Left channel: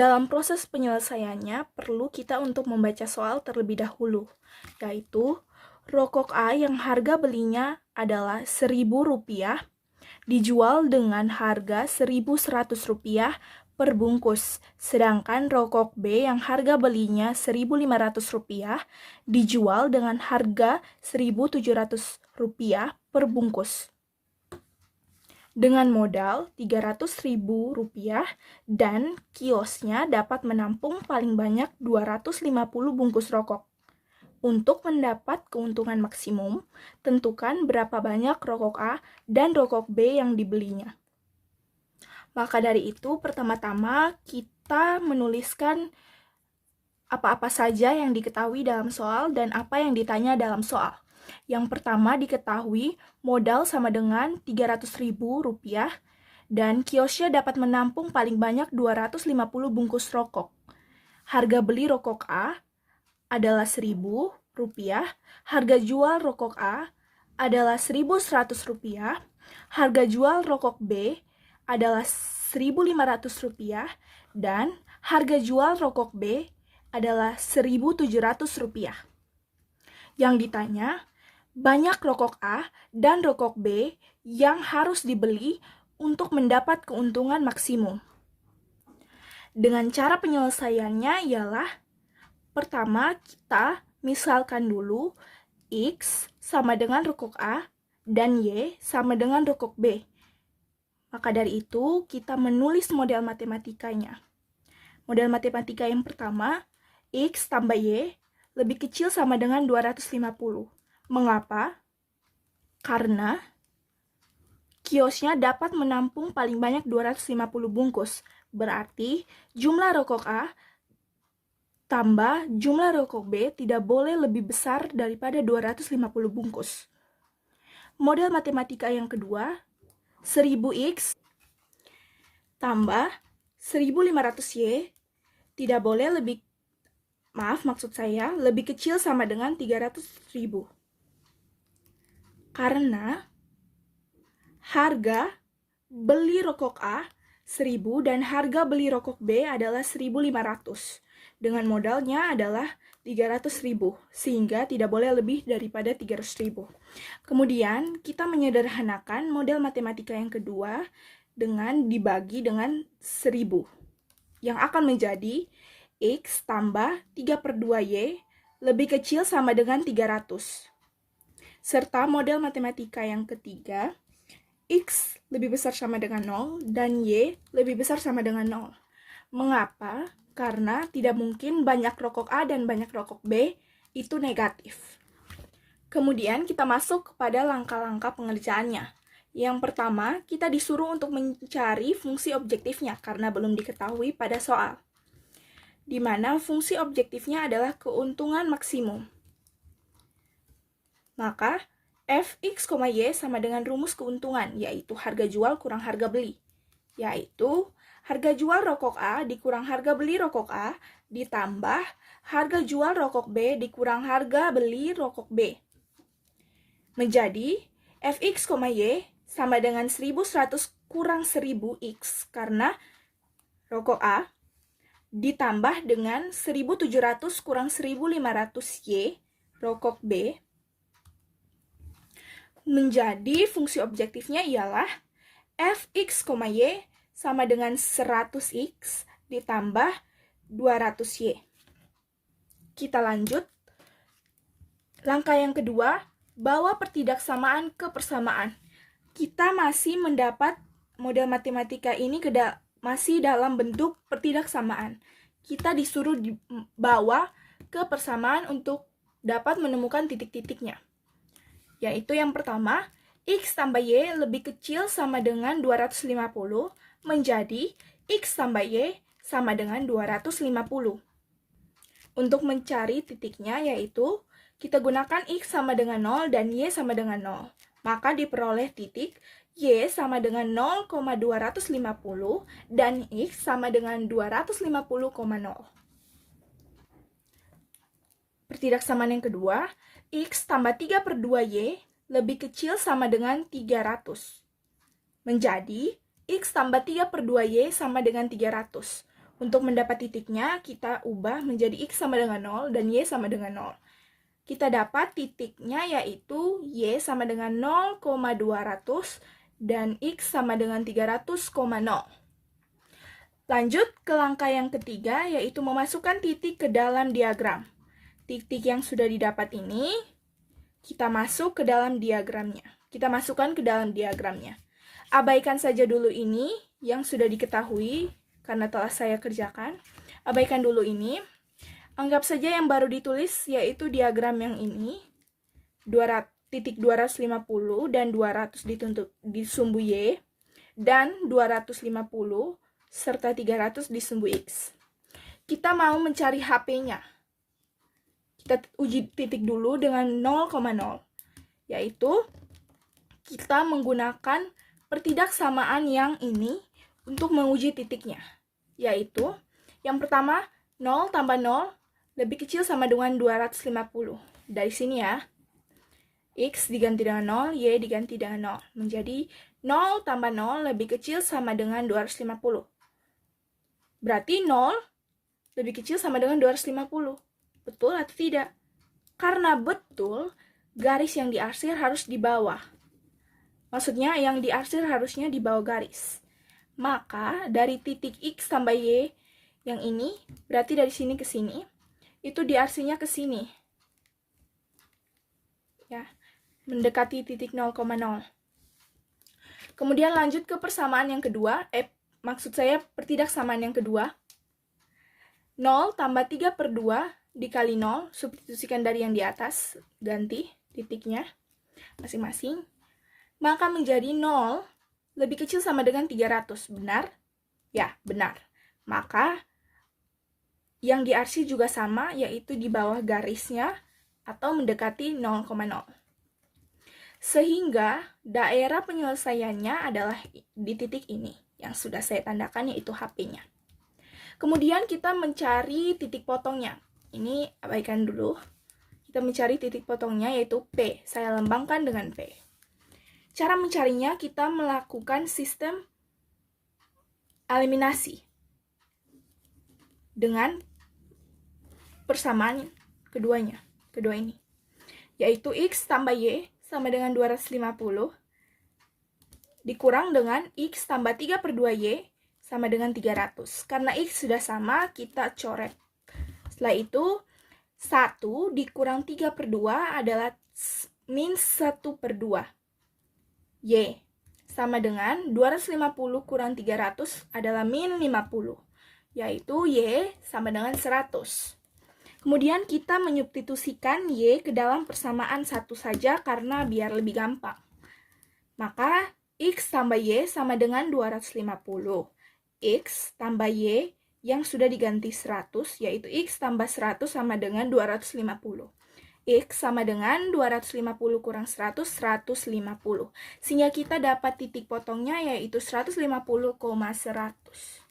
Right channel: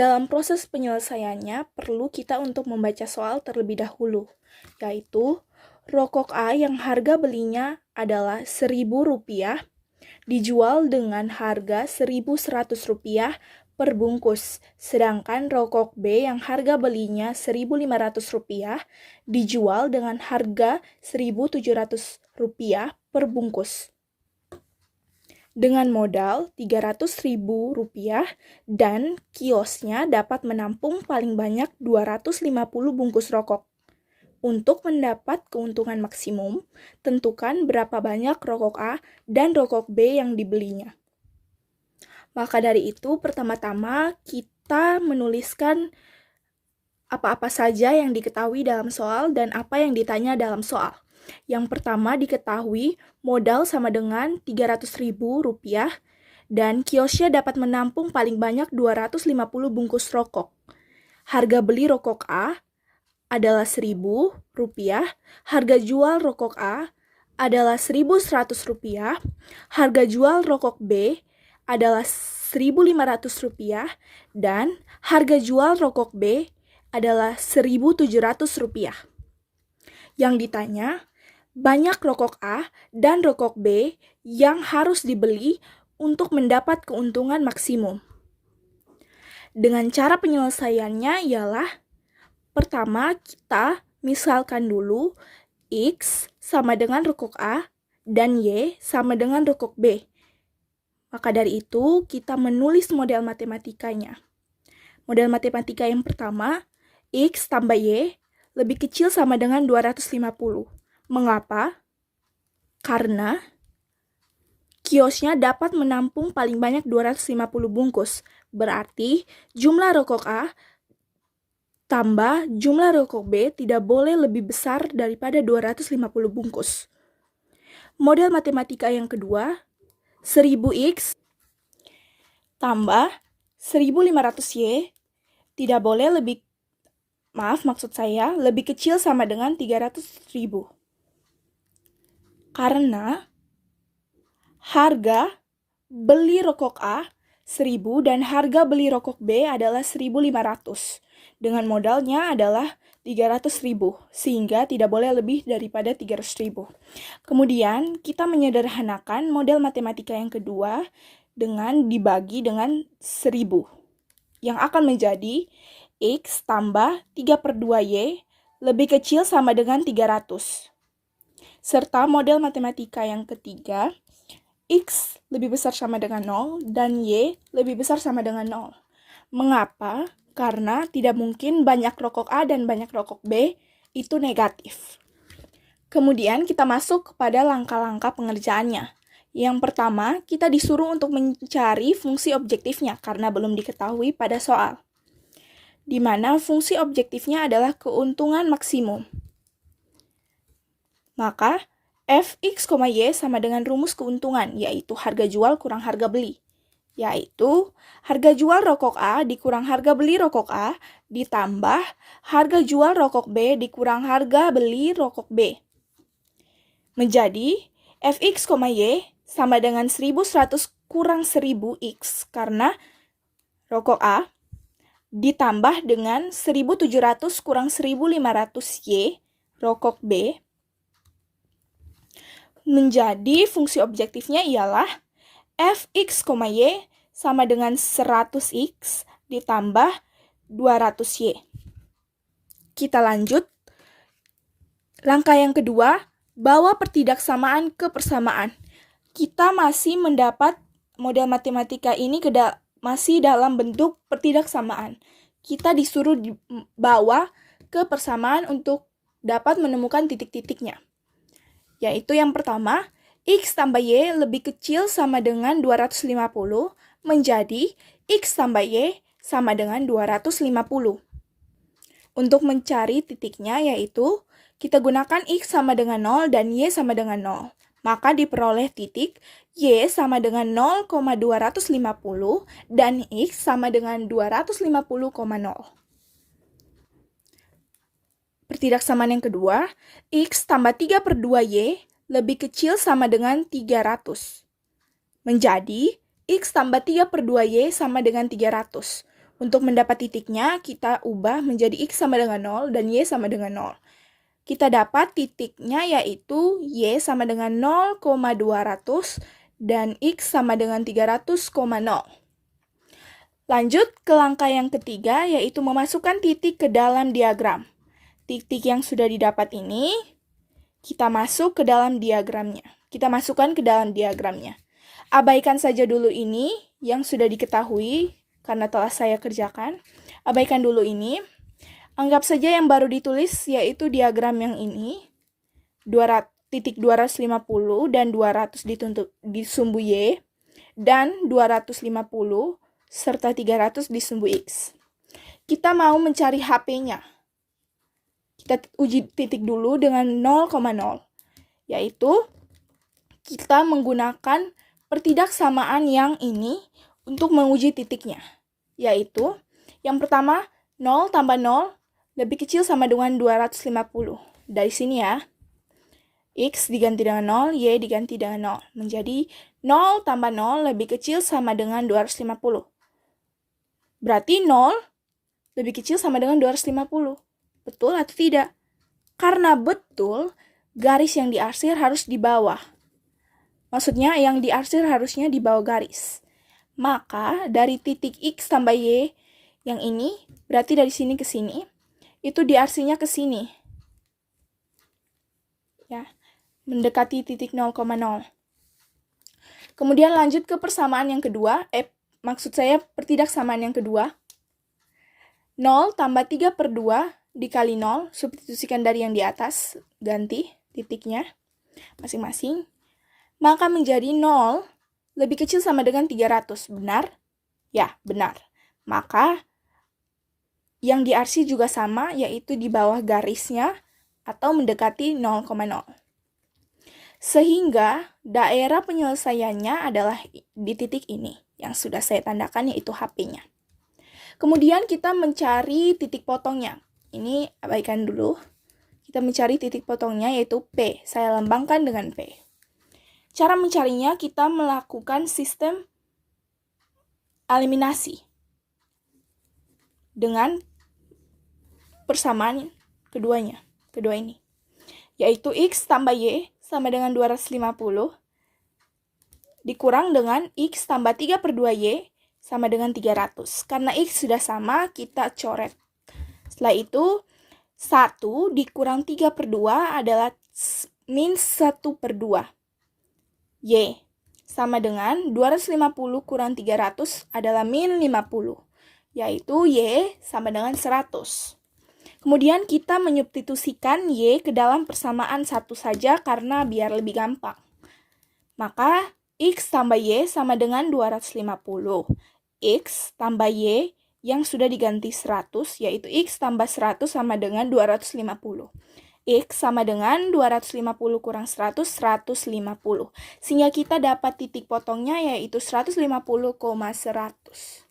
Dalam proses penyelesaiannya, perlu kita untuk membaca soal terlebih dahulu, yaitu rokok A yang harga belinya adalah Rp1.000 dijual dengan harga Rp1.100 per bungkus, sedangkan rokok B yang harga belinya Rp1.500 dijual dengan harga Rp1.700 per bungkus. Dengan modal Rp300.000 dan kiosnya dapat menampung paling banyak 250 bungkus rokok. Untuk mendapat keuntungan maksimum, tentukan berapa banyak rokok A dan rokok B yang dibelinya. Maka dari itu, pertama-tama kita menuliskan apa-apa saja yang diketahui dalam soal dan apa yang ditanya dalam soal. Yang pertama diketahui modal sama dengan Rp300.000 dan kiosnya dapat menampung paling banyak 250 bungkus rokok. Harga beli rokok A adalah Rp1.000, harga jual rokok A adalah Rp1.100, harga jual rokok B adalah Rp1.500 dan harga jual rokok B adalah Rp1.700. Yang ditanya, banyak rokok A dan rokok B yang harus dibeli untuk mendapat keuntungan maksimum. Dengan cara penyelesaiannya ialah, pertama kita misalkan dulu X sama dengan rokok A dan Y sama dengan rokok B. Maka dari itu, kita menulis model matematikanya. Model matematika yang pertama, X tambah Y lebih kecil sama dengan 250. Mengapa? Karena kiosnya dapat menampung paling banyak 250 bungkus. Berarti jumlah rokok A tambah jumlah rokok B tidak boleh lebih besar daripada 250 bungkus. Model matematika yang kedua, 1000X tambah 1500Y tidak boleh lebih kecil sama dengan 300.000. Karena harga beli rokok A 1000 dan harga beli rokok B adalah 1500. Dengan modalnya adalah 300.000, sehingga tidak boleh lebih daripada 300.000. Kemudian, kita menyederhanakan model matematika yang kedua dengan dibagi dengan 1000, yang akan menjadi X tambah 3/2Y lebih kecil sama dengan 300. Serta model matematika yang ketiga, X lebih besar sama dengan 0 dan Y lebih besar sama dengan 0. Mengapa? Karena tidak mungkin banyak rokok A dan banyak rokok B itu negatif. Kemudian kita masuk kepada langkah-langkah pengerjaannya. Yang pertama, kita disuruh untuk mencari fungsi objektifnya karena belum diketahui pada soal. Di mana fungsi objektifnya adalah keuntungan maksimum. Maka, Fx, Y sama dengan rumus keuntungan, yaitu harga jual kurang harga beli. Yaitu, harga jual rokok A dikurang harga beli rokok A, ditambah harga jual rokok B dikurang harga beli rokok B. Menjadi, Fx, Y sama dengan 1100 kurang 1000X, karena rokok A ditambah dengan 1700 kurang 1500Y, rokok B, menjadi fungsi objektifnya ialah Fx, Y sama dengan 100X ditambah 200Y. Kita lanjut. Langkah yang kedua, bawa pertidaksamaan ke persamaan. Kita masih mendapat model matematika ini masih dalam bentuk pertidaksamaan. Kita disuruh dibawa ke persamaan untuk dapat menemukan titik-titiknya. Yaitu yang pertama, X tambah Y lebih kecil sama dengan 250 menjadi X tambah Y sama dengan 250. Untuk mencari titiknya yaitu kita gunakan X sama dengan 0 dan Y sama dengan 0. Maka diperoleh titik Y sama dengan 0,250 dan X sama dengan 250,0. Pertidaksamaan yang kedua, X tambah 3/2Y lebih kecil sama dengan 300. Menjadi X tambah 3/2Y sama dengan 300. Untuk mendapat titiknya, kita ubah menjadi X sama dengan 0 dan Y sama dengan 0. Kita dapat titiknya yaitu Y sama dengan 0,200 dan X sama dengan 300,0. Lanjut ke langkah yang ketiga, yaitu memasukkan titik ke dalam diagram. Titik yang sudah didapat ini, kita masuk ke dalam diagramnya. Kita masukkan ke dalam diagramnya. Abaikan saja dulu ini yang sudah diketahui karena telah saya kerjakan. Abaikan dulu ini. Anggap saja yang baru ditulis yaitu diagram yang ini. Titik 250 dan 200 di sumbu Y. Dan 250 serta 300 di sumbu X. Kita mau mencari HP-nya. Kita uji titik dulu dengan 0,0. Yaitu kita menggunakan pertidaksamaan yang ini untuk menguji titiknya. Yaitu, yang pertama, 0 tambah 0 lebih kecil sama dengan 250. Dari sini ya, X diganti dengan 0, Y diganti dengan 0. Menjadi 0 tambah 0 lebih kecil sama dengan 250. Berarti 0 lebih kecil sama dengan 250. Betul atau tidak? Karena betul, garis yang diarsir harus di bawah. Maksudnya yang diarsir harusnya di bawah garis. Maka dari titik X tambah Y yang ini, berarti dari sini ke sini, itu diarsirnya ke sini. Ya, mendekati titik 0,0. Kemudian lanjut ke persamaan yang kedua, maksud saya pertidaksamaan yang kedua. 0 tambah 3/2 dikali 0, substitusikan dari yang di atas, ganti titiknya masing-masing. Maka menjadi 0 lebih kecil sama dengan 300. Benar? Ya, benar. Maka yang diarsir juga sama, yaitu di bawah garisnya atau mendekati 0,0. Sehingga daerah penyelesaiannya adalah di titik ini, yang sudah saya tandakan yaitu HP-nya. Kemudian kita mencari titik potongnya. Ini abaikan dulu. Kita mencari titik potongnya yaitu P. Saya lambangkan dengan P. Cara mencarinya, kita melakukan sistem eliminasi dengan persamaan kedua ini, yaitu X tambah Y sama dengan 250 dikurang dengan X tambah 3/2Y sama dengan 300. Karena X sudah sama, kita coret. Setelah itu, 1 dikurang 3/2 adalah min 1/2. Y sama dengan 250 kurang 300 adalah min 50, yaitu Y sama dengan 100. Kemudian kita menyubstitusikan Y ke dalam persamaan satu saja karena biar lebih gampang. Maka X tambah Y sama dengan 250. X tambah Y yang sudah diganti 100, yaitu X tambah 100 sama dengan 250. X sama dengan 250 kurang 100, 150. Sehingga kita dapat titik potongnya yaitu 150,100.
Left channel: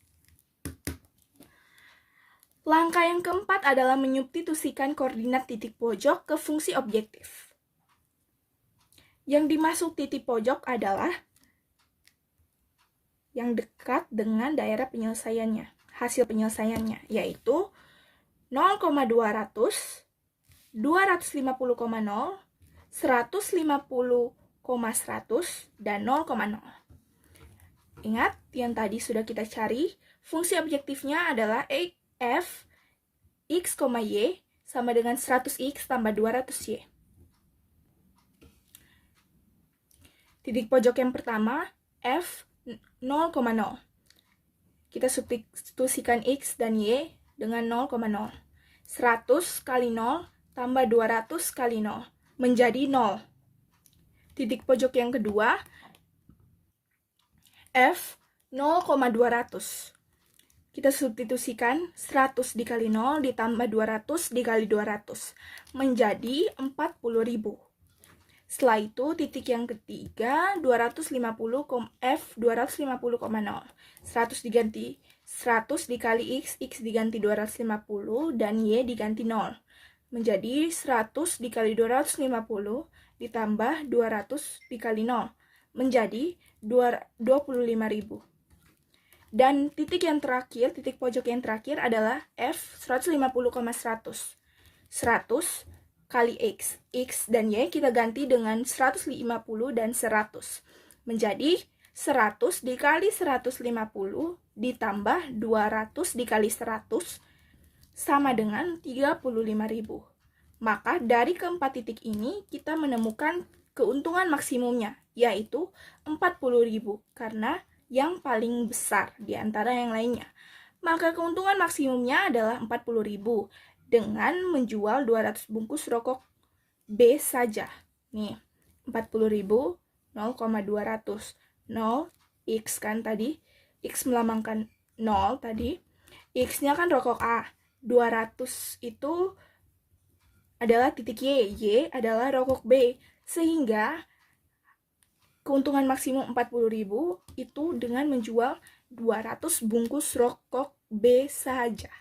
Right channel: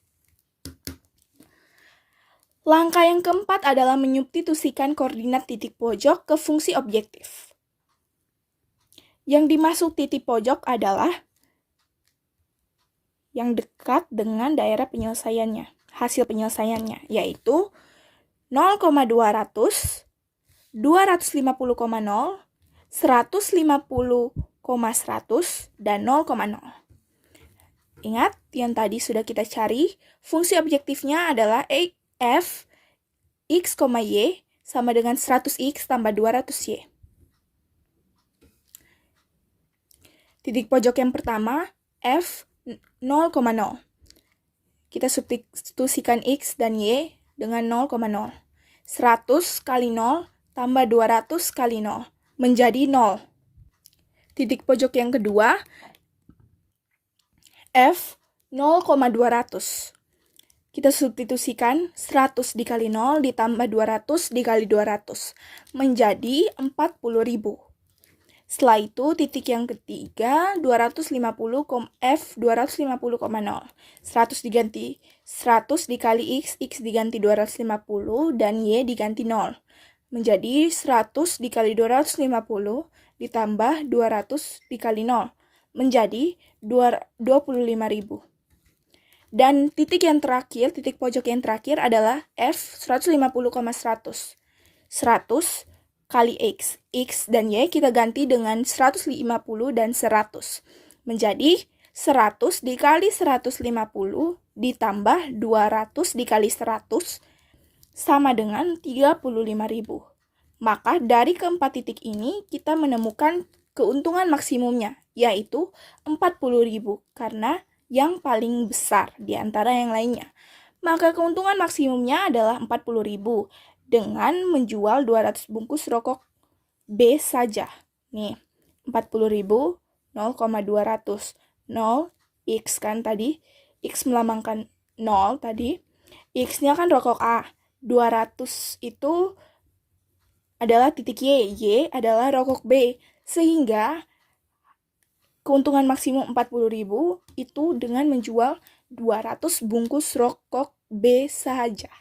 Langkah yang keempat adalah menyubstitusikan koordinat titik pojok ke fungsi objektif. Yang dimaksud titik pojok adalah yang dekat dengan daerah penyelesaiannya, hasil penyelesaiannya, yaitu 0,200, 250,0, 150,100, dan 0,0. Ingat, yang tadi sudah kita cari, fungsi objektifnya adalah f x, y sama dengan 100x tambah 200y. Titik pojok yang pertama, f 0,0. Kita substitusikan x dan y dengan 0,0. 100 kali 0 tambah 200 kali 0 menjadi 0. Titik pojok yang kedua, F 0,200. Kita substitusikan 100 dikali 0 ditambah 200 dikali 200 menjadi 40.000. Setelah itu titik yang ketiga, 250, F 250,0. 100 diganti 100 dikali x, x diganti 250 dan y diganti 0. Menjadi 100 dikali 250 ditambah 200 dikali 0 menjadi 25.000. Dan titik pojok yang terakhir adalah F 150,100. 100 kali X. X dan Y kita ganti dengan 150 dan 100. Menjadi 100 dikali 150 ditambah 200 dikali 100 sama dengan 35.000. Maka dari keempat titik ini kita menemukan keuntungan maksimumnya, yaitu 40.000 karena yang paling besar di antara yang lainnya. Maka keuntungan maksimumnya adalah 40.000 dengan menjual 200 bungkus rokok B saja. Nih, 40.000 0,200. 0 X kan tadi, X melambangkan 0 tadi. X-nya kan rokok A. 200 itu adalah titik Y. Y adalah rokok B. Sehingga keuntungan maksimum 40.000 itu dengan menjual 200 bungkus rokok B saja.